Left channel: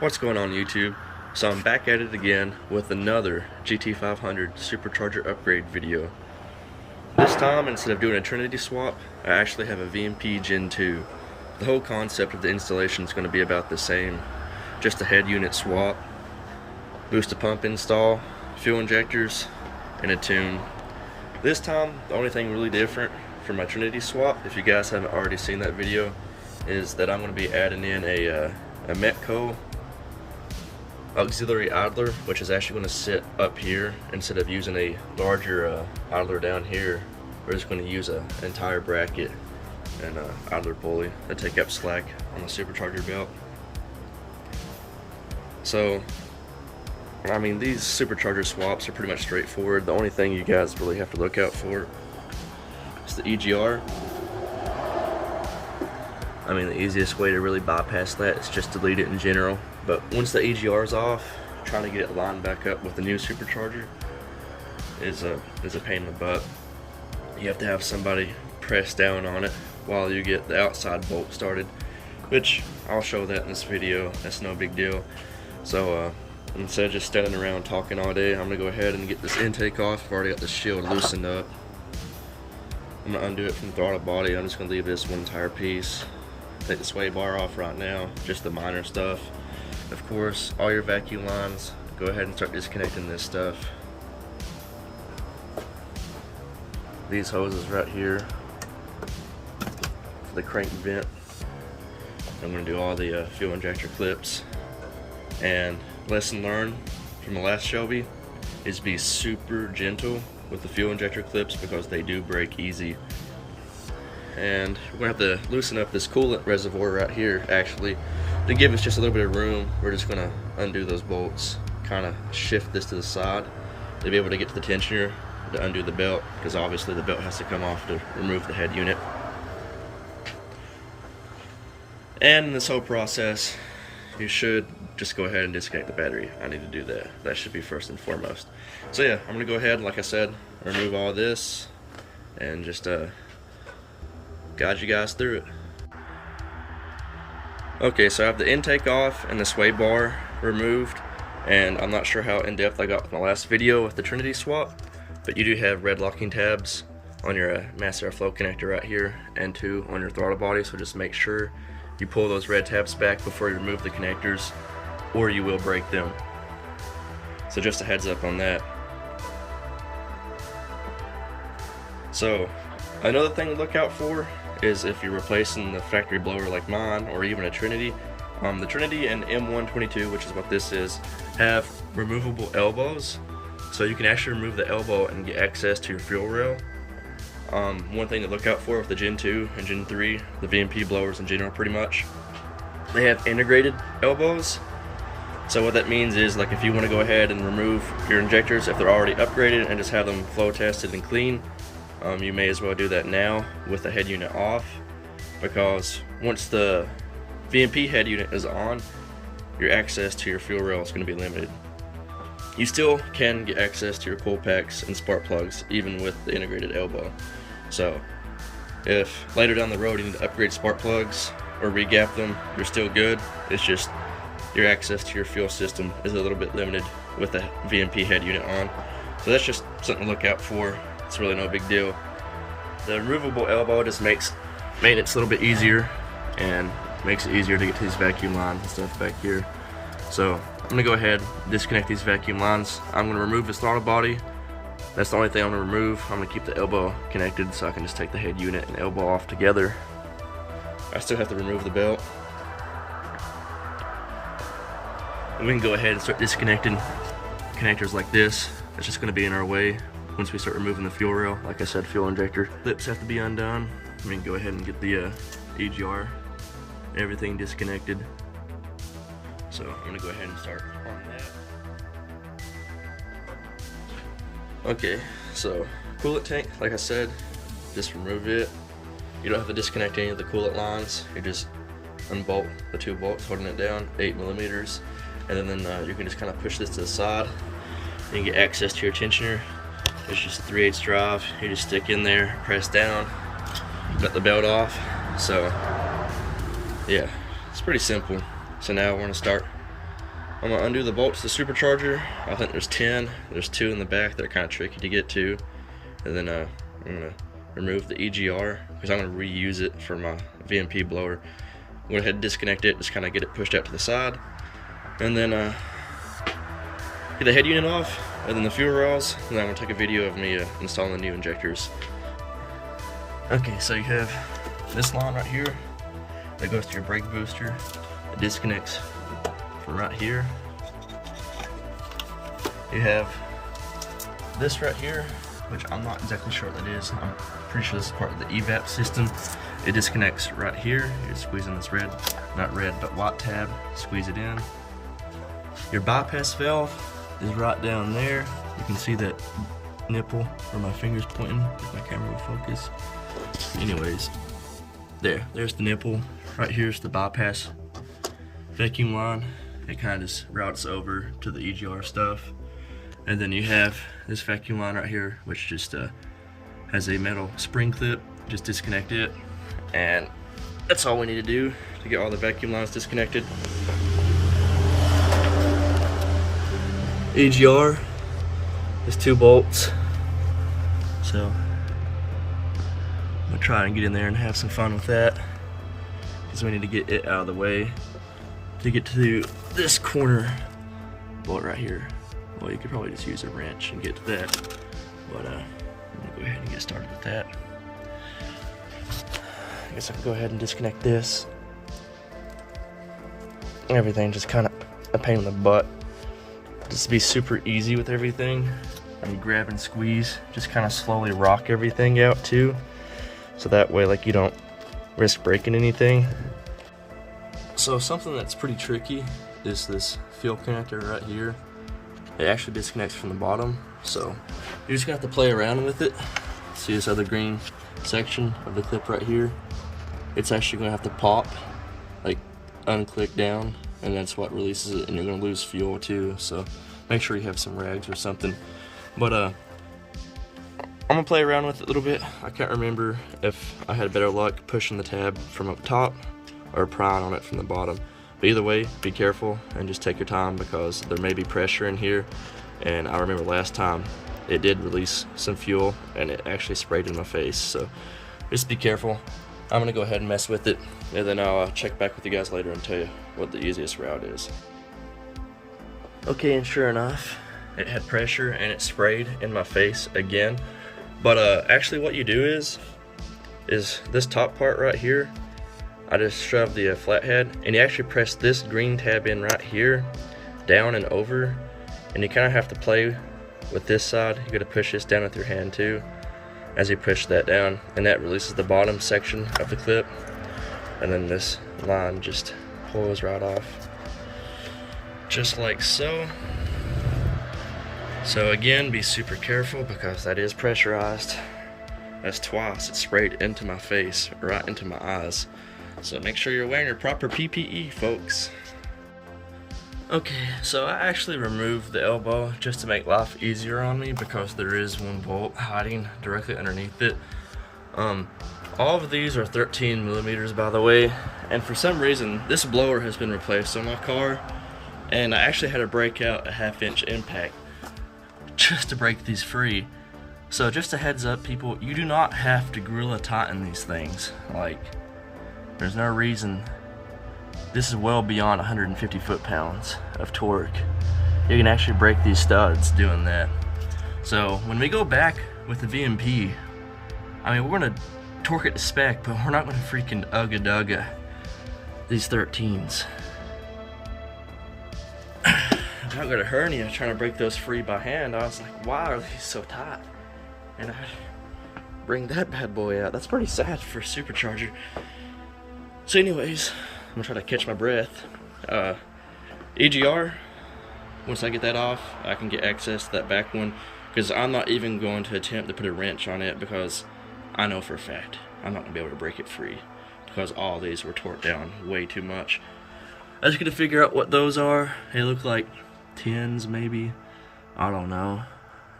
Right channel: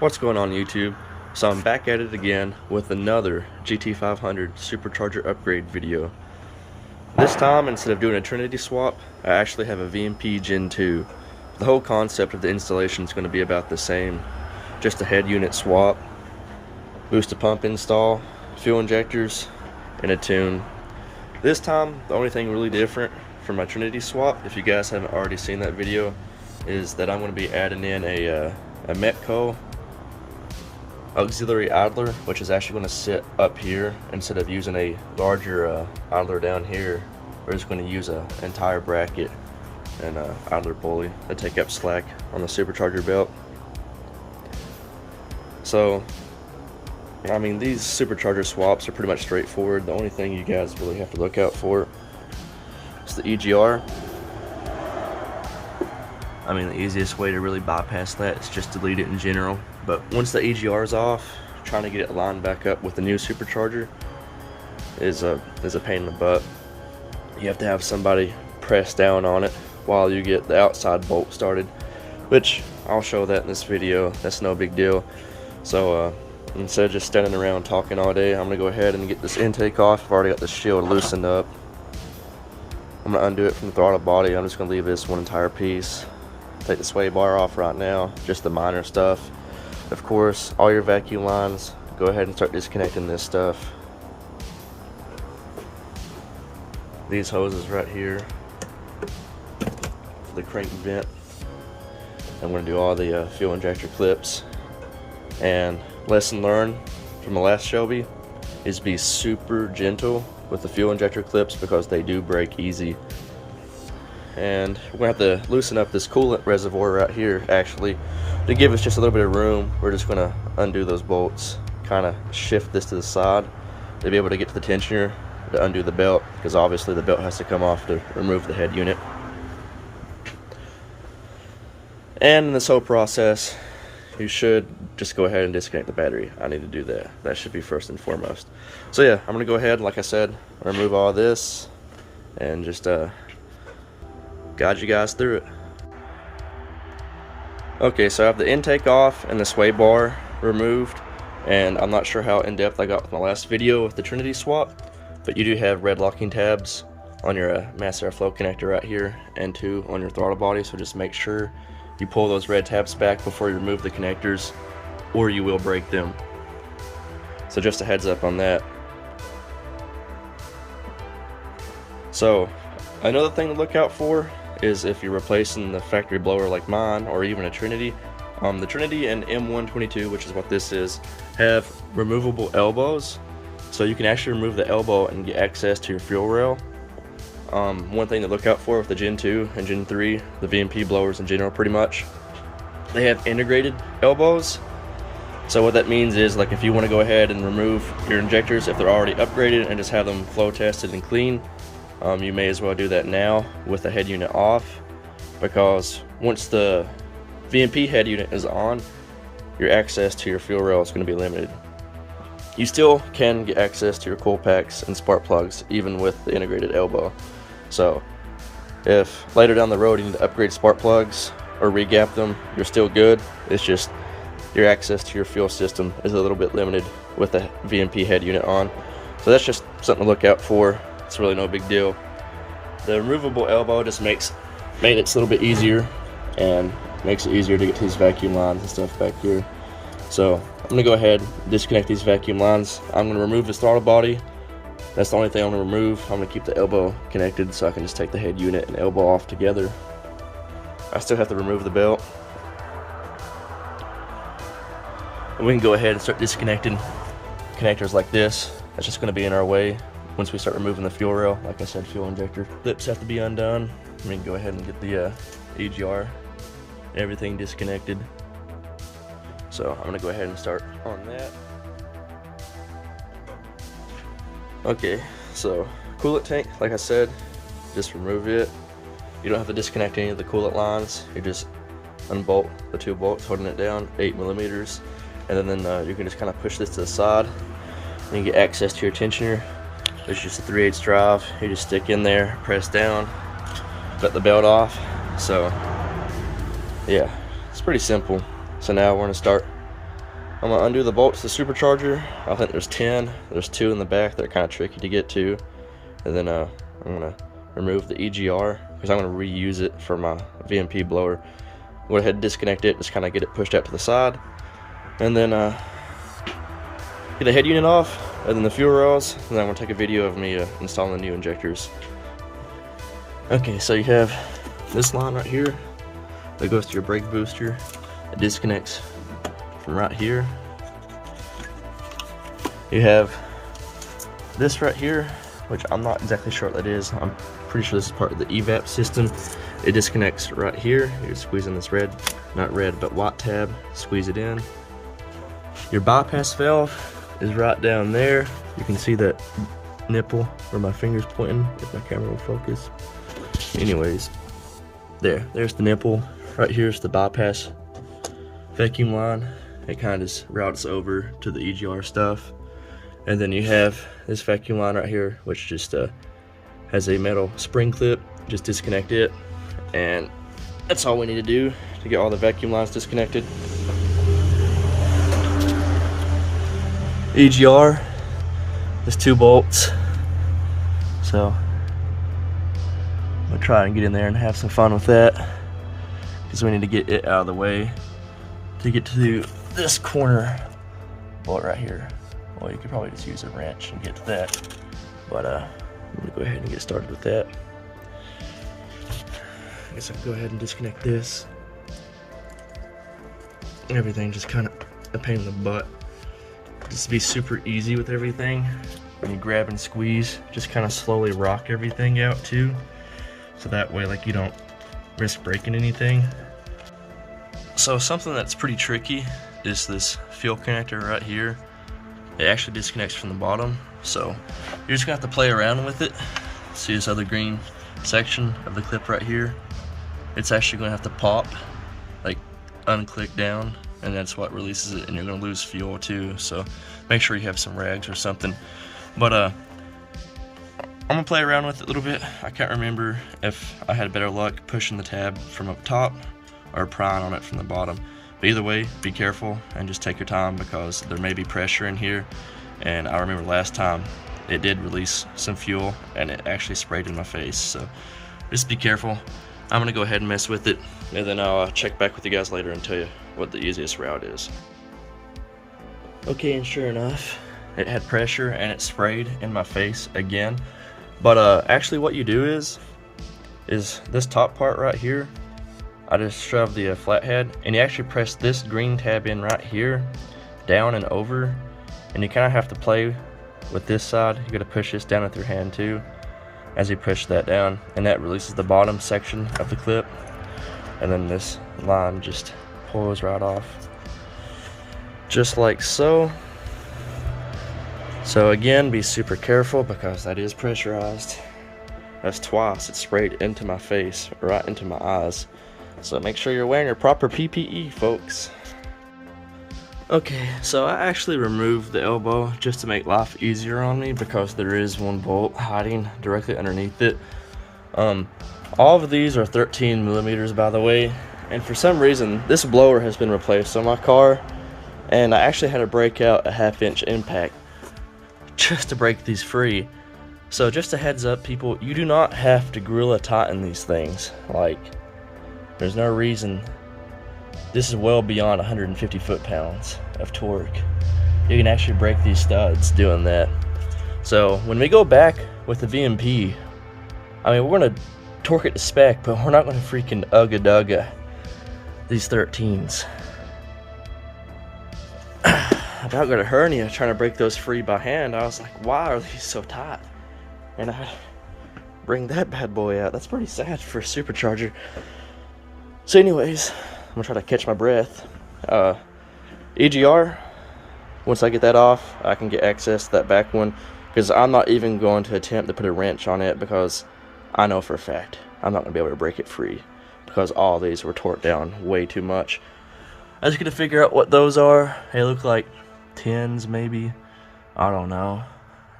What's going on YouTube? So I'm back at it again with another GT500 Supercharger upgrade video. This time, instead of doing a Trinity swap, I actually have a VMP Gen 2. The whole concept of the installation is going to be about the same. Just a head unit swap, booster pump install, fuel injectors, and a tune. This time, the only thing really different from my Trinity swap, if you guys haven't already seen that video, is that I'm going to be adding in a Metco auxiliary idler, which is actually going to sit up here instead of using a larger idler down here. We're just going to use an entire bracket and idler pulley to take up slack on the supercharger belt. So, I mean, these supercharger swaps are pretty much straightforward. The only thing you guys really have to look out for is the EGR. I mean, the easiest way to really bypass that is just delete it in general. But once the EGR is off, trying to get it lined back up with the new supercharger is a pain in the butt. You have to have somebody press down on it while you get the outside bolt started, which I'll show that in this video. That's no big deal. So instead of just standing around talking all day, I'm gonna go ahead and get this intake off. I've already got this shield loosened up. I'm gonna undo it from the throttle body. I'm just gonna leave this one entire piece. Take the sway bar off right now, just the minor stuff. Of course, all your vacuum lines, go ahead and start disconnecting this stuff. These hoses right here for the crank vent. I'm going to do all the fuel injector clips. And lesson learned from the last Shelby is be super gentle with the fuel injector clips because they do break easy. And we're going to have to loosen up this coolant reservoir right here, actually, to give us just a little bit of room. We're just going to undo those bolts, kind of shift this to the side to be able to get to the tensioner to undo the belt, because obviously the belt has to come off to remove the head unit. And in this whole process, you should just go ahead and disconnect the battery. I need to do that. That should be first and foremost. So yeah, I'm going to go ahead, like I said, remove all this and just guide you guys through it. Okay, so I have the intake off and the sway bar removed, and I'm not sure how in-depth I got with my last video with the Trinity swap, but you do have red locking tabs on your mass airflow connector right here and two on your throttle body, so just make sure you pull those red tabs back before you remove the connectors or you will break them. So just a heads up on that. So another thing to look out for is if you're replacing the factory blower like mine, or even a Trinity. The Trinity and M122, which is what this is, have removable elbows, so you can actually remove the elbow and get access to your fuel rail. One thing to look out for with the Gen 2 and Gen 3, the VMP blowers in general pretty much, they have integrated elbows. So what that means is, like, if you want to go ahead and remove your injectors if they're already upgraded and just have them flow tested and clean, you may as well do that now with the head unit off, because once the VMP head unit is on, your access to your fuel rail is going to be limited. You still can get access to your coil packs and spark plugs even with the integrated elbow. So if later down the road you need to upgrade spark plugs or re-gap them, you're still good. It's just your access to your fuel system is a little bit limited with the VMP head unit on. So that's just something to look out for. It's really no big deal. The removable elbow just makes maintenance a little bit easier and makes it easier to get to these vacuum lines and stuff back here. So I'm gonna go ahead and disconnect these vacuum lines. I'm gonna remove this throttle body. That's the only thing I'm gonna remove. I'm gonna keep the elbow connected so I can just take the head unit and elbow off together. I still have to remove the belt. And we can go ahead and start disconnecting connectors like this. That's just gonna be in our way once we start removing the fuel rail. Like I said, fuel injector clips have to be undone. We can go ahead and get the EGR, everything disconnected. So I'm gonna go ahead and start on that. Okay, so coolant tank, like I said, just remove it. You don't have to disconnect any of the coolant lines. You just unbolt the two bolts holding it down, 8mm, and then you can just kind of push this to the side. You can get access to your tensioner. It's just a 3/8 drive. You just stick in there, press down, cut the belt off. So yeah, it's pretty simple. So now we're going to start I'm gonna undo the bolts to the supercharger. I think there's 10. There's 2 in the back that are kind of tricky to get to. And then I'm gonna remove the EGR because I'm gonna reuse it for my VMP blower. Go ahead and disconnect it, just kind of get it pushed out to the side. And then get the head unit off, and then the fuel rails, and then I'm gonna take a video of me installing the new injectors. Okay, so you have this line right here that goes to your brake booster. It disconnects from right here. You have this right here, which I'm not exactly sure what that is. I'm pretty sure this is part of the evap system. It disconnects right here. You squeeze in this red, not red, but white tab, squeeze it in. Your bypass valve is right down there. You can see that nipple where my finger's pointing, if my camera will focus. Anyways, there's the nipple. Right here's the bypass vacuum line. It kind of just routes over to the EGR stuff. And then you have this vacuum line right here, which just has a metal spring clip. Just disconnect it, and that's all we need to do to get all the vacuum lines disconnected. EGR is 2 bolts, so I'm gonna try and get in there and have some fun with that, because we need to get it out of the way to get to this corner bolt right here. Well, you could probably just use a wrench and get to that, but I'm gonna go ahead and get started with that. I guess I can go ahead and disconnect this. Everything just kind of a pain in the butt. Just to be super easy with everything, when you grab and squeeze, just kind of slowly rock everything out too, so that way like you don't risk breaking anything. So something that's pretty tricky is this fuel connector right here. It actually disconnects from the bottom, so you're just gonna have to play around with it. See this other green section of the clip right here? It's actually gonna have to pop, like unclick down, and that's what releases it, and you're gonna lose fuel too, so make sure you have some rags or something. But I'm gonna play around with it a little bit. I can't remember if I had better luck pushing the tab from up top or prying on it from the bottom. But either way, be careful and just take your time, because there may be pressure in here, and I remember last time it did release some fuel and it actually sprayed in my face, so just be careful. I'm gonna go ahead and mess with it, and then I'll check back with you guys later and tell you what the easiest route is. Okay, and sure enough, it had pressure and it sprayed in my face again. But actually what you do is this top part right here, I just shove the flathead, and you actually press this green tab in right here, down and over, and you kind of have to play with this side. You gotta push this down with your hand too, as you push that down, and that releases the bottom section of the clip, and then this line just pulls right off, just like so. So again, be super careful, because that is pressurized. That's twice it sprayed into my face, right into my eyes. So make sure you're wearing your proper PPE, folks. Okay, so I actually removed the elbow just to make life easier on me, because there is one bolt hiding directly underneath it. All of these are 13 millimeters, by the way, and for some reason this blower has been replaced on my car, and I actually had to break out a 1/2 inch impact just to break these free. So just a heads up, people, you do not have to Gorilla tighten these things. Like, there's no reason. This is well beyond 150 foot-pounds of torque. You can actually break these studs doing that. So when we go back with the VMP, I mean, we're gonna torque it to spec, but we're not gonna freaking ugga-dugga these 13s. About got a hernia trying to break those free by hand. I was like, why are these so tight? And I bring that bad boy out. That's pretty sad for a supercharger. So anyways, I'm gonna try to catch my breath. EGR, once I get that off, I can get access to that back one, because I'm not even going to attempt to put a wrench on it, because I know for a fact I'm not gonna be able to break it free, because all these were torqued down way too much. I was gonna figure out what those are. They look like 10s maybe. I don't know.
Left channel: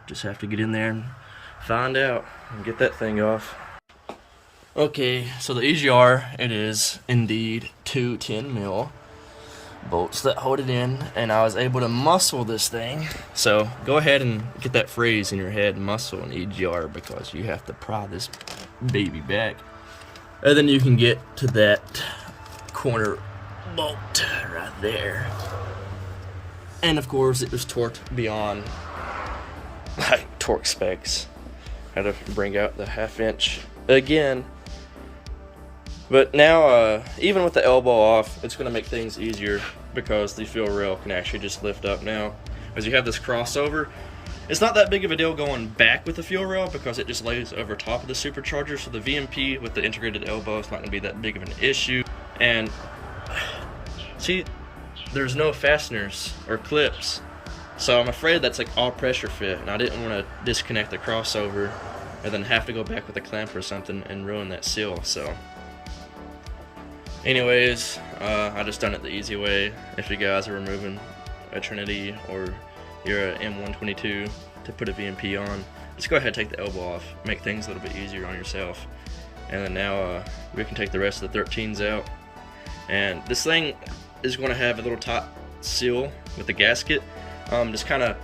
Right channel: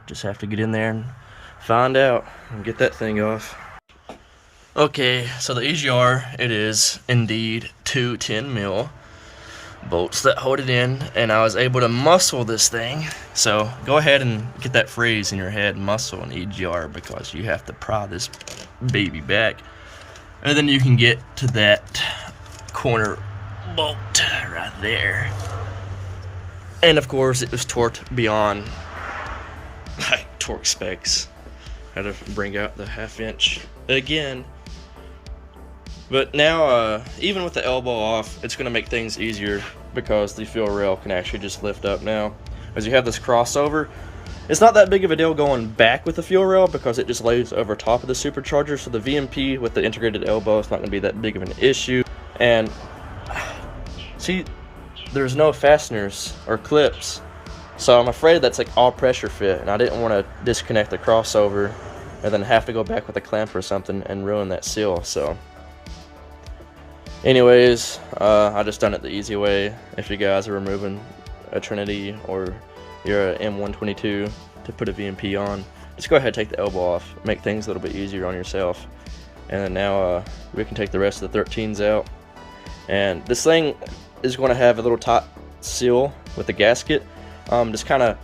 Just have to get in there and find out and get that thing off. Okay, so the EGR, it is indeed 2 10 mil. bolts that hold it in, and I was able to muscle this thing. So go ahead and get that phrase in your head, muscle an EGR, because you have to pry this baby back, and then you can get to that corner bolt right there. And of course it was torqued beyond like torque specs. Had to bring out the 1/2 inch again. But now, even with the elbow off, it's going to make things easier because the fuel rail can actually just lift up now. As you have this crossover, it's not that big of a deal going back with the fuel rail because it just lays over top of the supercharger. So the VMP with the integrated elbow is not going to be that big of an issue. And see, there's no fasteners or clips. So I'm afraid that's like all pressure fit, and I didn't want to disconnect the crossover and then have to go back with a clamp or something and ruin that seal. So anyways, I just done it the easy way. If you guys are removing a Trinity or you're an M122 to put a VMP on, just go ahead and take the elbow off, make things a little bit easier on yourself. And then now we can take the rest of the 13s out. And this thing is going to have a little top seal with the gasket. Just kind of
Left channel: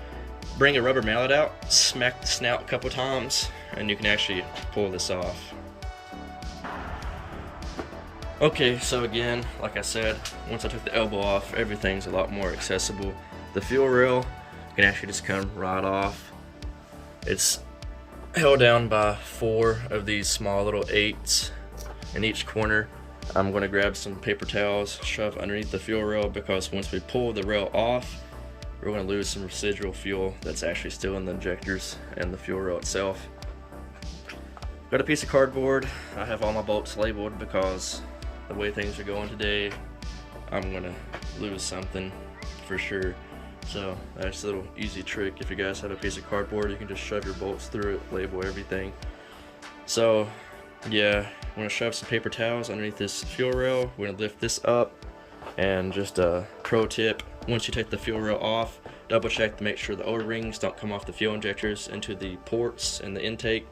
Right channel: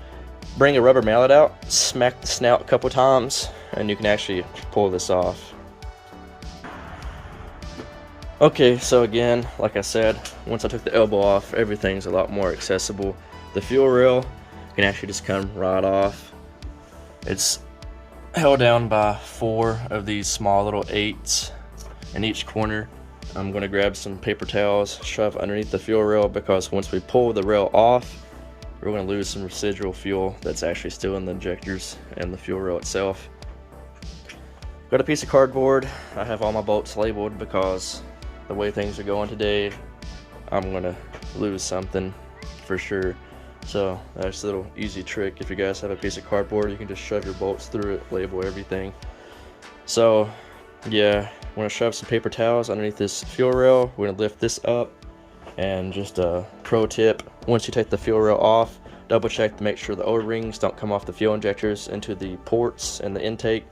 bring a rubber mallet out, smack the snout a couple times, and you can actually pull this off. Okay, so again, like I said, once I took the elbow off, everything's a lot more accessible. The fuel rail can actually just come right off. It's held down by 4 of these small little 8s in each corner. I'm going to grab some paper towels, shove underneath the fuel rail, because once we pull the rail off, we're going to lose some residual fuel that's actually still in the injectors and the fuel rail itself. Got a piece of cardboard. I have all my bolts labeled because the way things are going today, I'm going to lose something for sure. So that's a little easy trick. If you guys have a piece of cardboard, you can just shove your bolts through it, label everything. So yeah, I'm going to shove some paper towels underneath this fuel rail. We're going to lift this up, and just a pro tip, once you take the fuel rail off, double check to make sure the O-rings don't come off the fuel injectors into the ports and the intake,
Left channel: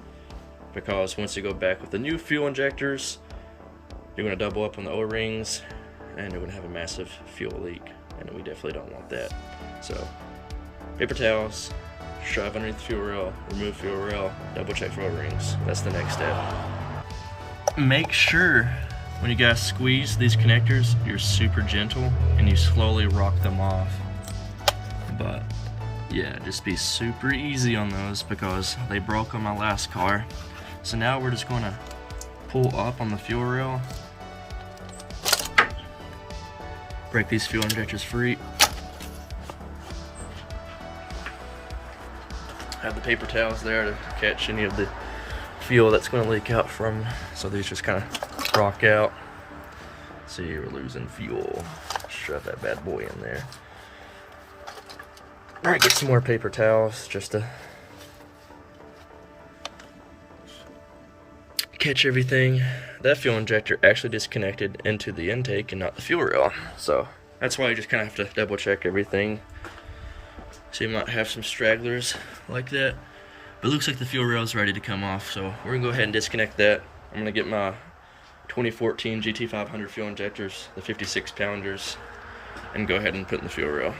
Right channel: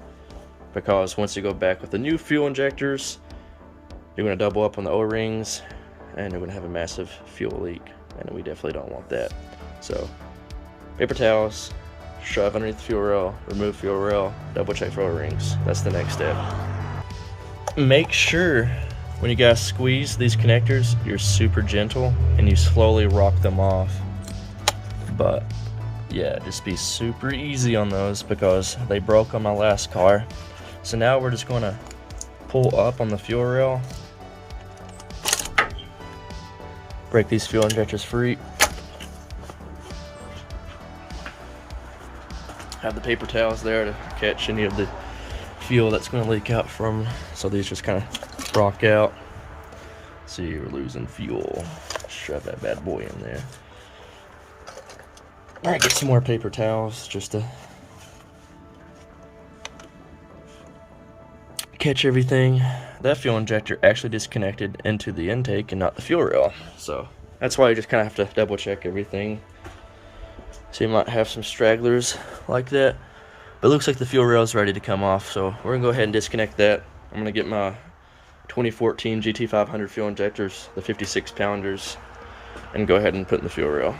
because once you go back with the new fuel injectors, you're going to double up on the O-rings and you're going to have a massive fuel leak, and we definitely don't want that. So paper towels, shove underneath the fuel rail, remove fuel rail, double check for O-rings. That's the next step. Make sure when you guys squeeze these connectors, you're super gentle and you slowly rock them off. But yeah, just be super easy on those because they broke on my last car. So now we're just going to pull up on the fuel rail, break these fuel injectors free, have the paper towels there to catch any of the fuel that's going to leak out from, so these just kind of rock out. See, we're losing fuel. Shove that bad boy in there. Alright, get some more paper towels just to catch everything. That fuel injector actually disconnected into the intake and not the fuel rail, so that's why you just kind of have to double check everything. So you might have some stragglers like that, but it looks like the fuel rail is ready to come off, so we're gonna go ahead and disconnect that. I'm gonna get my 2014 GT500 fuel injectors, the 56 pounders, and go ahead and put in the fuel rail.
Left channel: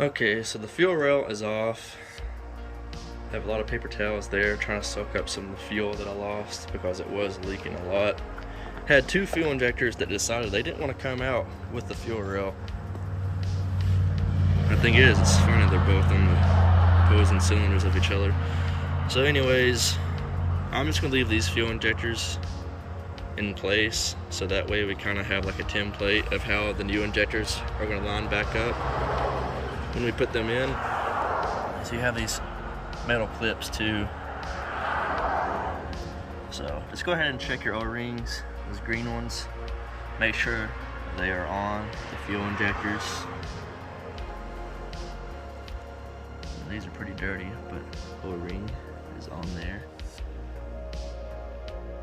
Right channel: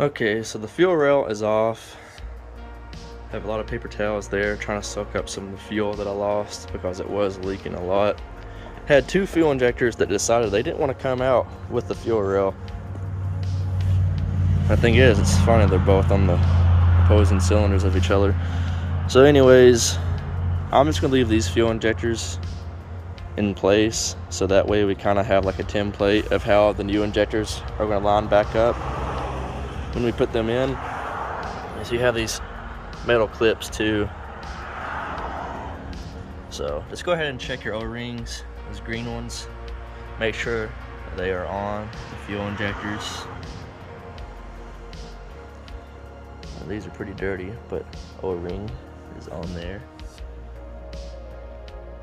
Okay, so the fuel rail is off. Have a lot of paper towels there, trying to soak up some of the fuel that I lost because it was leaking a lot. Had 2 fuel injectors that decided they didn't want to come out with the fuel rail. The thing is, it's funny, they're both on the opposing cylinders of each other. So anyways, I'm just going to leave these fuel injectors in place, so that way we kind of have like a template of how the new injectors are going to line back up when we put them in. So you have these metal clips too. So just go ahead and check your O-rings, those green ones. Make sure they are on the fuel injectors. Now, these are pretty dirty, but O-ring is on there.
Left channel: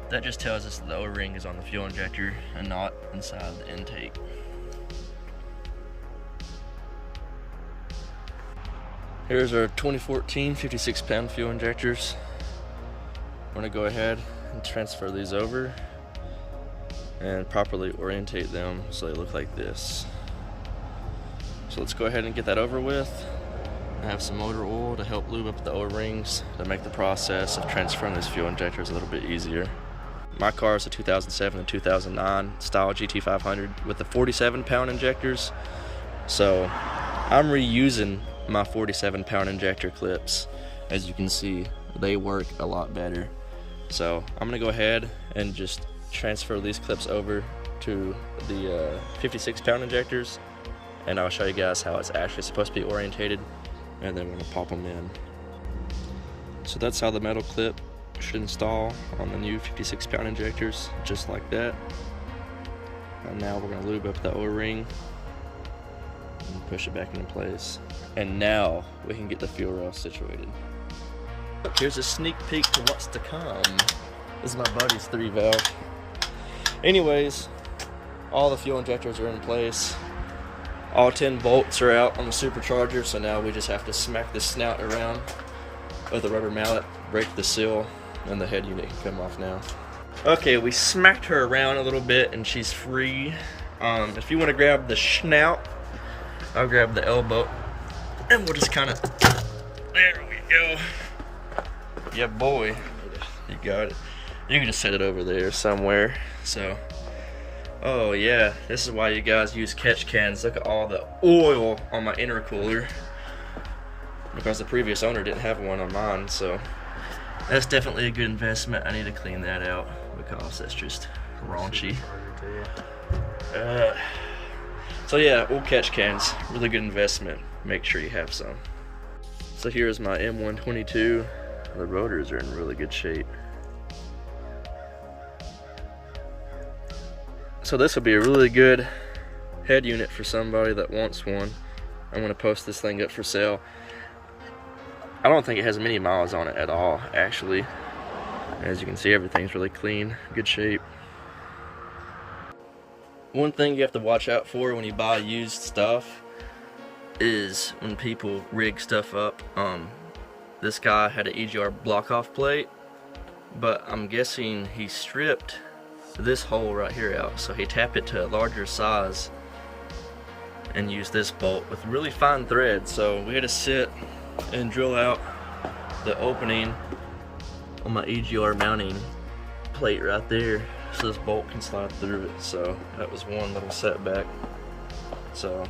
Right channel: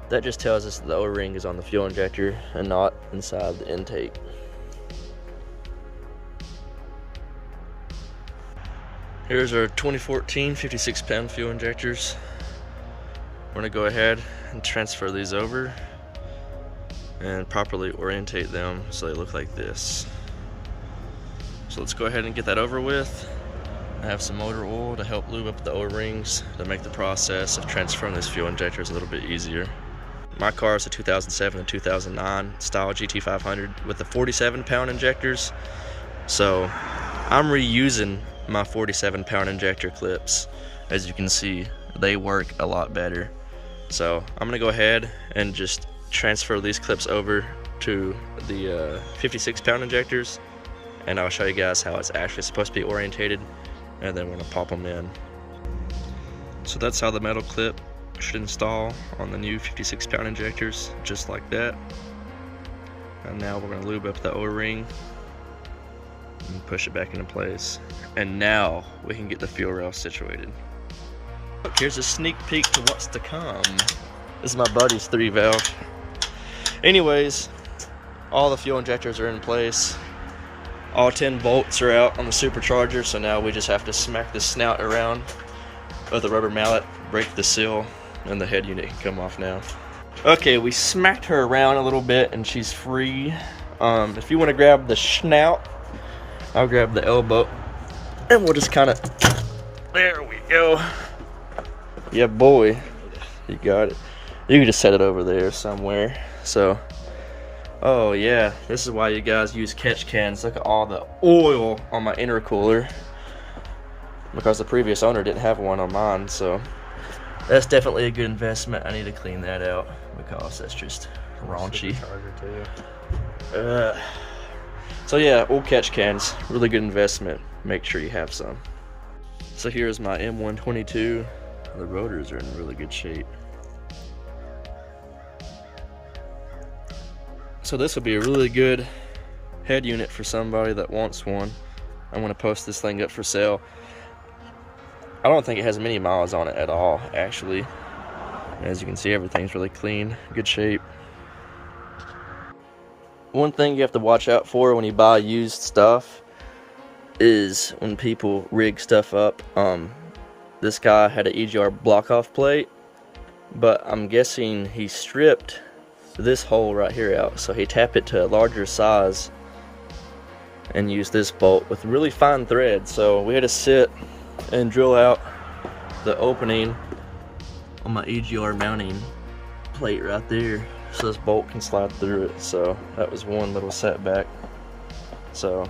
That just tells us that the O-ring is on the fuel injector and not inside the intake. Here's our 2014 56 pound fuel injectors. We're gonna go ahead and transfer these over. and properly orientate them so they look like this. So let's go ahead and get that over with. I have some motor oil to help lube up the O-rings to make the process of transferring these fuel injectors a little bit easier. My car is a 2007 and 2009 style GT500 with the 47-pound injectors, so I'm reusing my 47-pound injector clips. As you can see, they work a lot better. So I'm gonna go ahead and just transfer these clips over to the 56-pound injectors, and I'll show you guys how it's actually supposed to be orientated, and then we're gonna pop them in. So that's how the metal clip should install on the new 56-pound injectors, just like that. And now we're gonna lube up the O-ring and push it back into place. And now we can get the fuel rail situated. Look, here's a sneak peek to what's to come. This is my buddy's 3-valve. Anyways, all the fuel injectors are in place. All 10 bolts are out on the supercharger, so now we just have to smack the snout around with a rubber mallet, break the seal, and the head unit can come off now. Okay, we smacked her around a little bit and she's free. If you want to grab the snout, I'll grab the elbow and we'll just kind of, there we go. Yeah, boy, you got it. You can just set it over there somewhere. So, oh yeah, this is why you guys use catch cans. Look at all the oil on my intercooler, because the previous owner didn't have one on mine, so that's definitely a good investment. I need to clean that out because that's just raunchy. So yeah, old catch cans, really good investment. Make sure you have some. So here's my M122. The rotors are in really good shape. So this will be a really good head unit for somebody that wants one. I'm going to post this thing up for sale. I don't think it has many miles on it at all, actually. As you can see, everything's really clean, good shape. One thing you have to watch out for when you buy used stuff is when people rig stuff up. This guy had an EGR block-off plate, but I'm guessing he stripped this hole right here out, so he tapped it to a larger size and used this bolt with really fine thread. So we had to sit and drill out the opening on my EGR mounting plate right there so this bolt can slide through it. So that was one little setback. So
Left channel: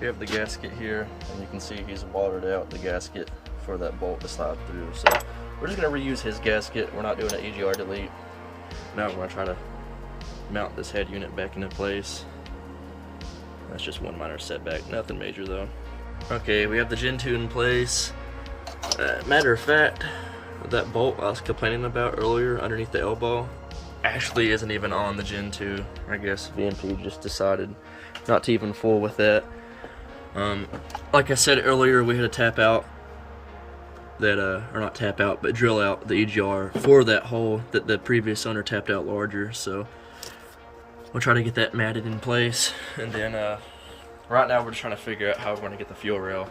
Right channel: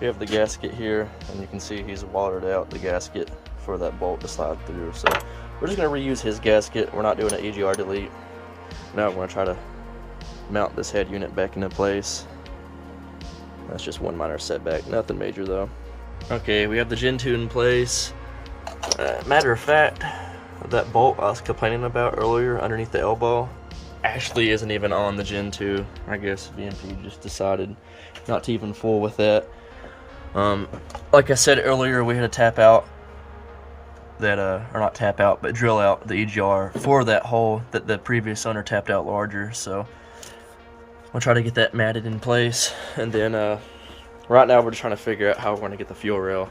we have the gasket here, and you can see he's watered out the gasket for that bolt to slide through. So we're just going to reuse his gasket. We're not doing an EGR delete. Now I'm going to try to mount this head unit back into place. That's just one minor setback, nothing major though. Okay, we have the Gen 2 in place. Matter of fact, that bolt I was complaining about earlier underneath the elbow actually isn't even on the Gen 2. I guess VMP just decided not to even fool with that. Like I said earlier, we had to tap out that, or not tap out, but drill out the EGR for that hole that the previous owner tapped out larger. So we'll try to get that matted in place, and then right now we're just trying to figure out how we're going to get the fuel rail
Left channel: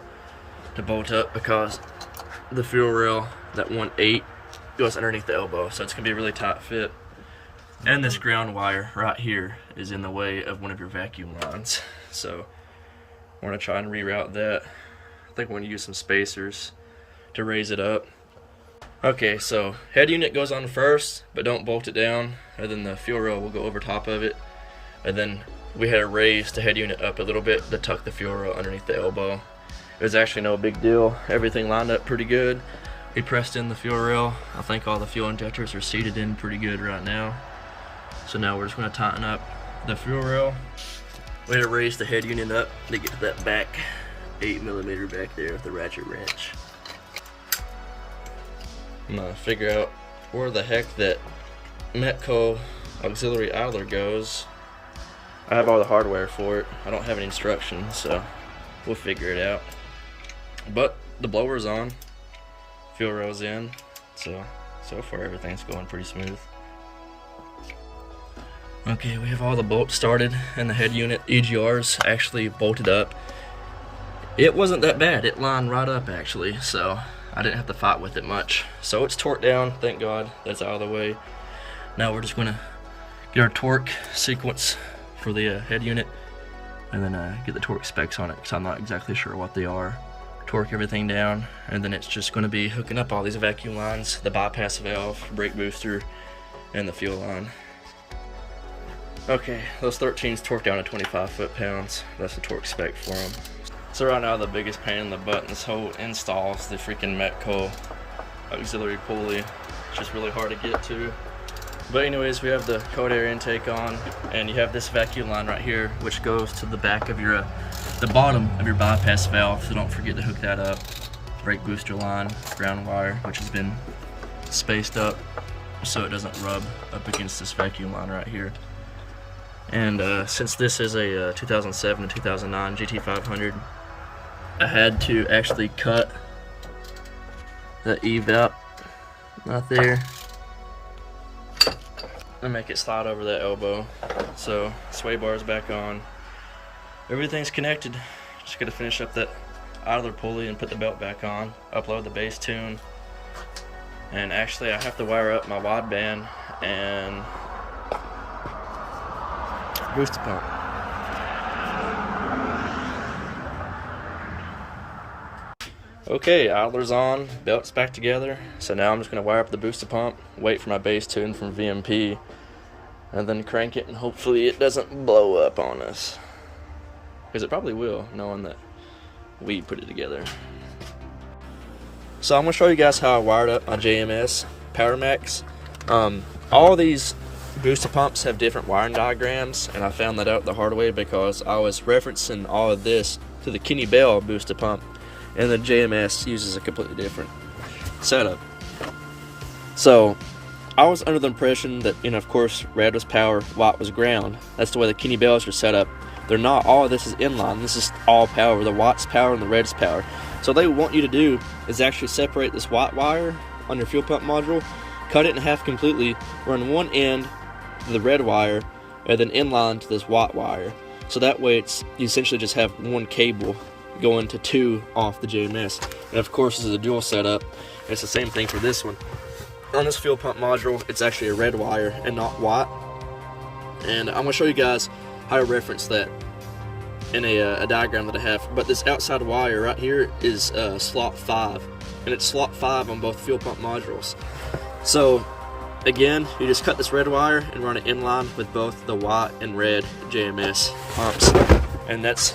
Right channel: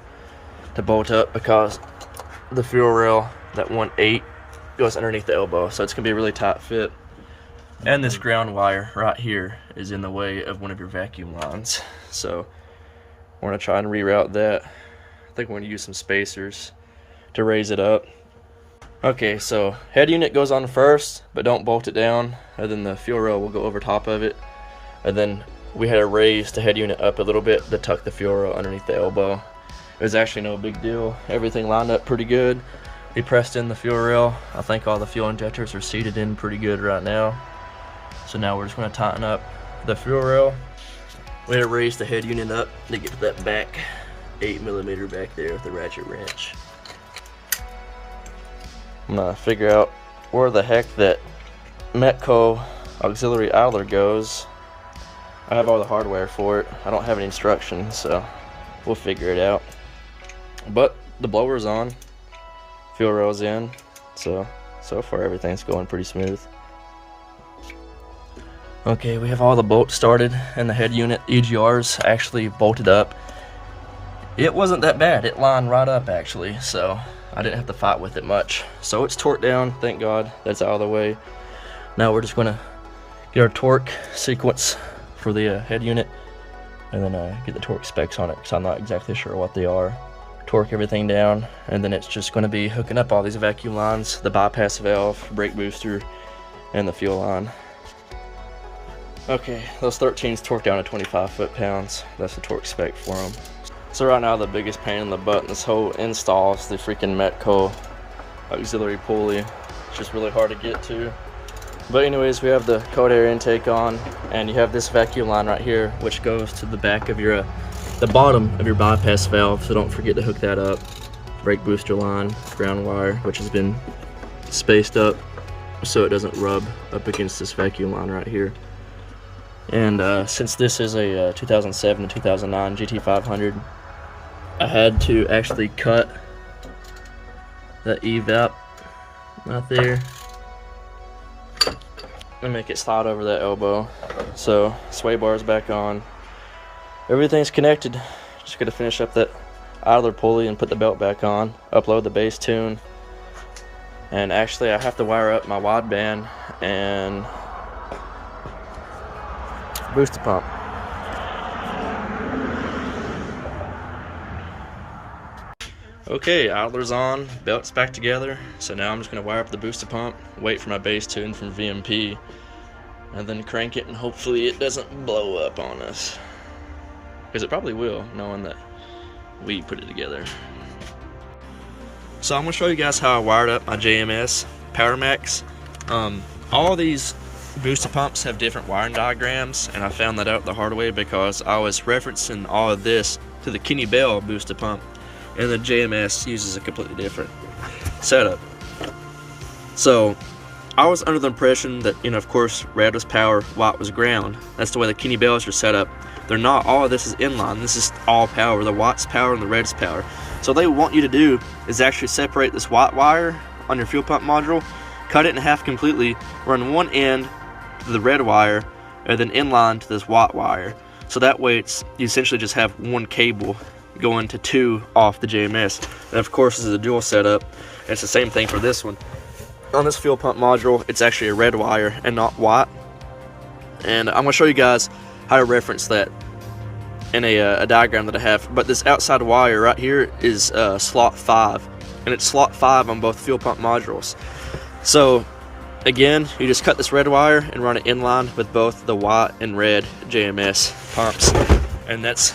to bolt up, because the fuel rail, that 1/8, goes underneath the elbow, so it's going to be a really tight fit. And this ground wire right here is in the way of one of your vacuum lines, so we're going to try and reroute that. I think we're going to use some spacers to raise it up. Okay, so head unit goes on first, but don't bolt it down, and then the fuel rail will go over top of it. And then we had to raise the head unit up a little bit to tuck the fuel rail underneath the elbow. It was actually no big deal. Everything lined up pretty good. We pressed in the fuel rail. I think all the fuel injectors are seated in pretty good right now. So now we're just going to tighten up the fuel rail. We had to raise the head unit up to get to that back 8mm back there with the ratchet wrench. I'm gonna figure out where the heck that Metco auxiliary idler goes. I have all the hardware for it. I don't have any instructions, so we'll figure it out. But the blower's on, fuel rail's in, so far everything's going pretty smooth. Okay, we have all the bolts started, and the head unit EGRs actually bolted up. It wasn't that bad. It lined right up actually, so I didn't have to fight with it much. So it's torqued down, thank God, that's out of the way. Now we're just gonna get our torque sequence for the head unit, and then get the torque specs on it, because I'm not exactly sure what they are. Torque everything down, and then it's just going to be hooking up all these vacuum lines, the bypass valve, brake booster, and the fuel line. Okay, those 13s torque down to 25 foot-pounds. That's the torque spec for them. So right now the biggest pain in the butt in this whole install is the freaking Metco auxiliary pulley. It's just really hard to get to. But anyways, we have the cold air intake on, and you have this vacuum line right here, which goes to the back of your, the bottom of your bypass valve, so don't forget to hook that up. Brake booster line, ground wire, which has been spaced up so it doesn't rub up against this vacuum line right here. And since this is a 2007 and 2009 GT500, I had to actually cut the evap right there and make it slide over that elbow. So sway bar's back on, everything's connected. Just gotta finish up that idler pulley and put the belt back on, upload the bass tune, and actually I have to wire up my wideband and booster pump. Okay, idler's on, belt's back together, so now I'm just going to wire up the booster pump, wait for my bass tune from VMP, and then crank it, and hopefully it doesn't blow up on us. Because it probably will, knowing that we put it together. So I'm going to show you guys how I wired up my JMS Powermax. All of these booster pumps have different wiring diagrams, and I found that out the hard way because I was referencing all of this to the Kenny Bell booster pump, and the JMS uses a completely different setup. So I was under the impression that, you know, of course, red was power, white was ground. That's the way the Kenny Bells are set up. They're not. All of this is inline. This is all power. The white's power and the red's power. So what they want you to do is actually separate this white wire on your fuel pump module, cut it in half completely, run one end to the red wire, and then inline to this white wire. So that way you essentially just have one cable going to two off the JMS. And of course this is a dual setup, and it's the same thing for this one. On this fuel pump module, it's actually a red wire and not white. And I'm going to show you guys how to reference that in a diagram that I have. But this outside wire right here is slot 5, and it's slot 5 on both fuel pump modules. So again, you just cut this red wire and run it in line with both the white and red JMS pumps, and that's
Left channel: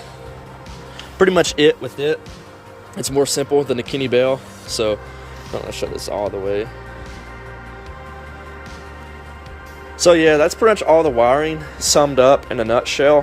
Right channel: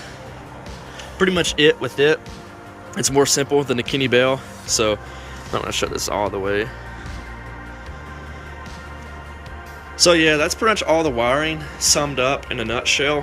pretty much it with it. It's more simple than the Kenny Bell, so I'm going to shut this all the way. So yeah, that's pretty much all the wiring summed up in a nutshell.